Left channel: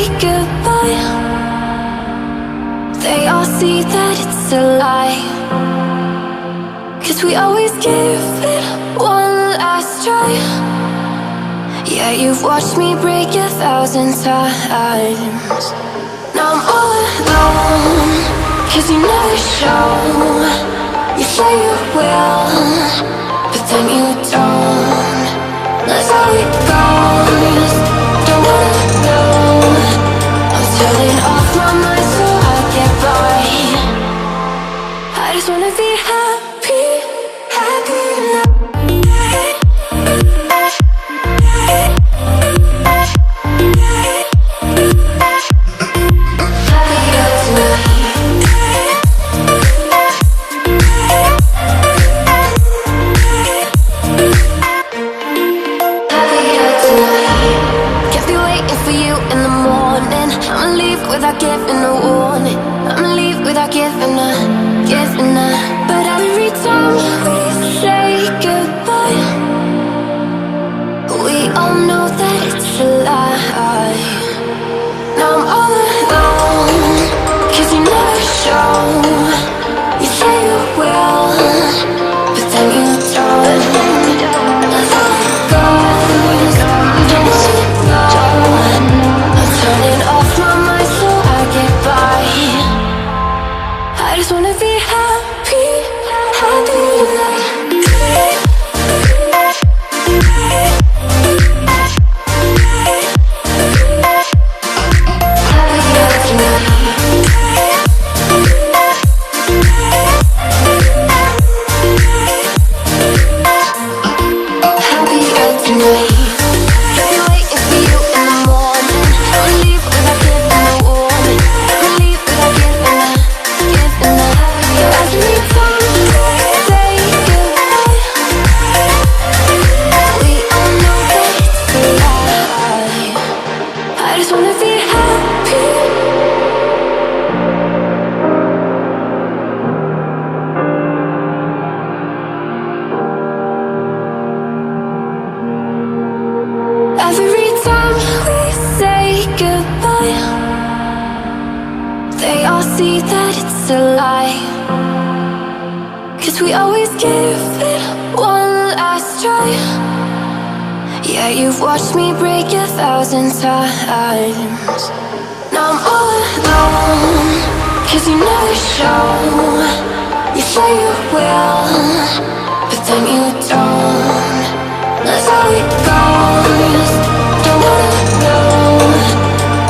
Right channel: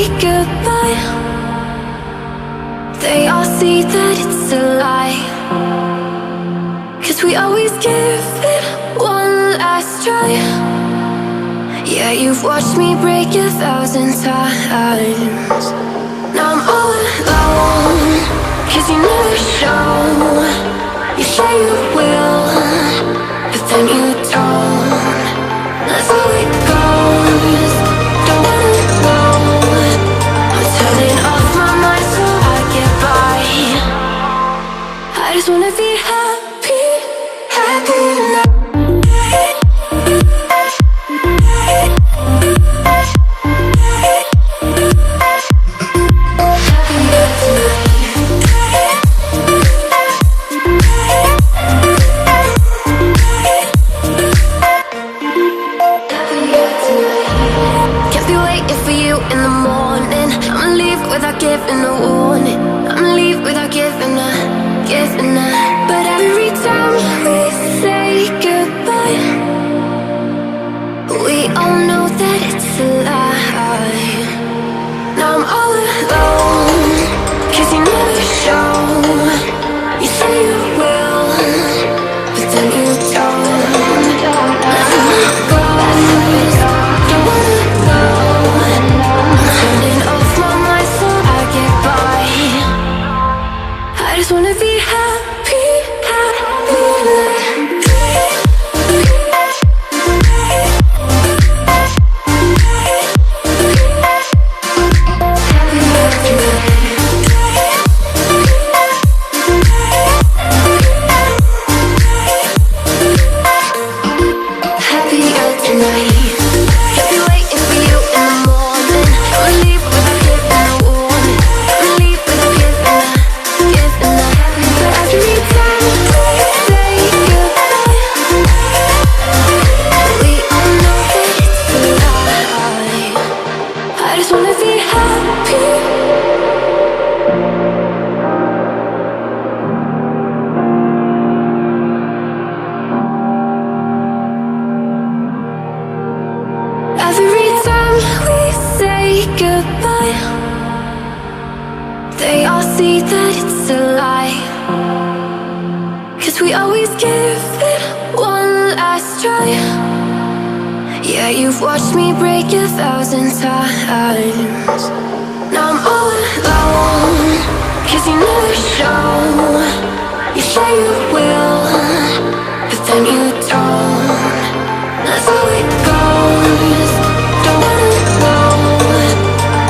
say goodbye, they all see that it's a lie. 'Cause we always give it one last try. Yeah, you've watched me break 1,000 times. Now I'm all alone, 'cause you never show. You say you will, but then you don't. That's how it goes. Don't wanna know. I'm turning off my mind so I get by. I just wanna be happy, happy tonight. In the morning, I'ma leave without giving a warning. I'ma leave without giving a. But every time we say goodbye, we all know that it's a lie. Now I'm all alone, 'cause you never show. You say you will, but then you don't. That's how it goes. Don't wanna know. Turning off my mind so I get by. I just wanna be happy, happy tonight. Happier tonight. Every time we say goodbye, they all see that it's a lie. 'Cause we always give it one last try. Yeah, you've watched me break 1,000 times. Now I'm all alone, 'cause you never show. You say you will, but then you don't. That's how it goes. Don't wanna know.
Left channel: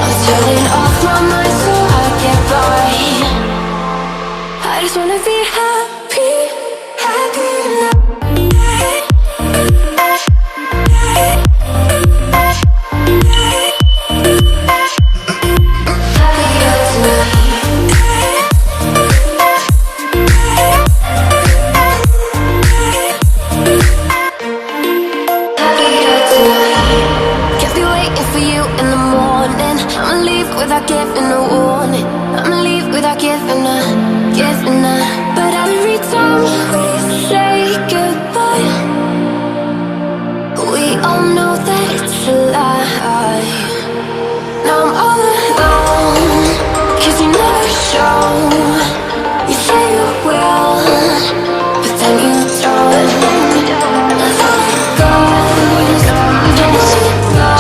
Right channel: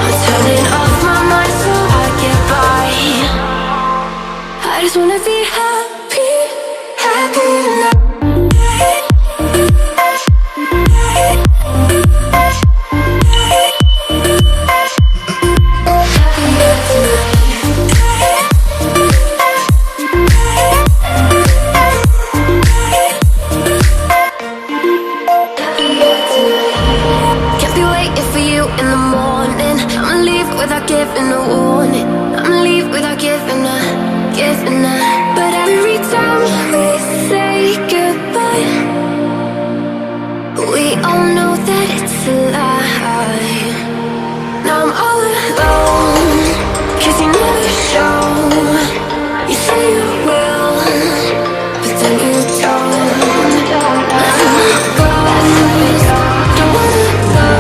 I'm turning off my mind so I get by. I just wanna be happy, happy tonight. For you in the morning, I'ma leave without giving a warning. I'ma leave without giving a. But every time we say goodbye, we all know that it's a lie. Now I'm all alone, 'cause you never show. You say you will, but then you don't. That's how it goes. Don't wanna know.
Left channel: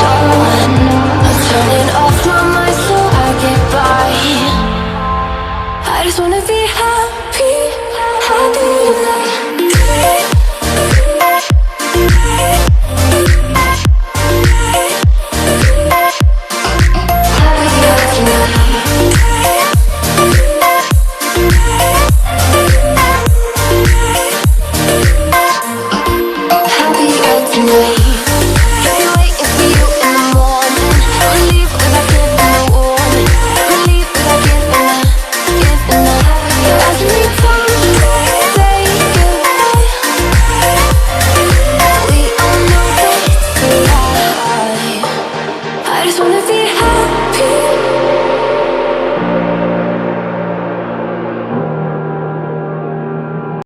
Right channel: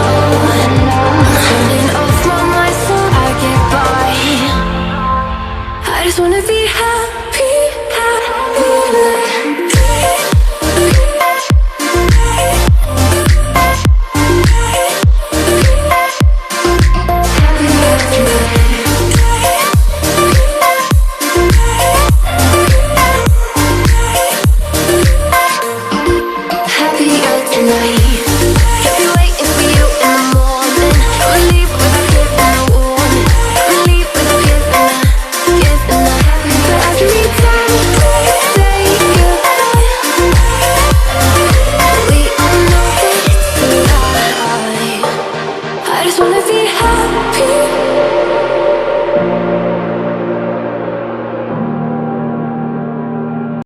Turning off my mind so I get by. I just wanna be happy, happy tonight. Happier tonight. I just wanna be happy.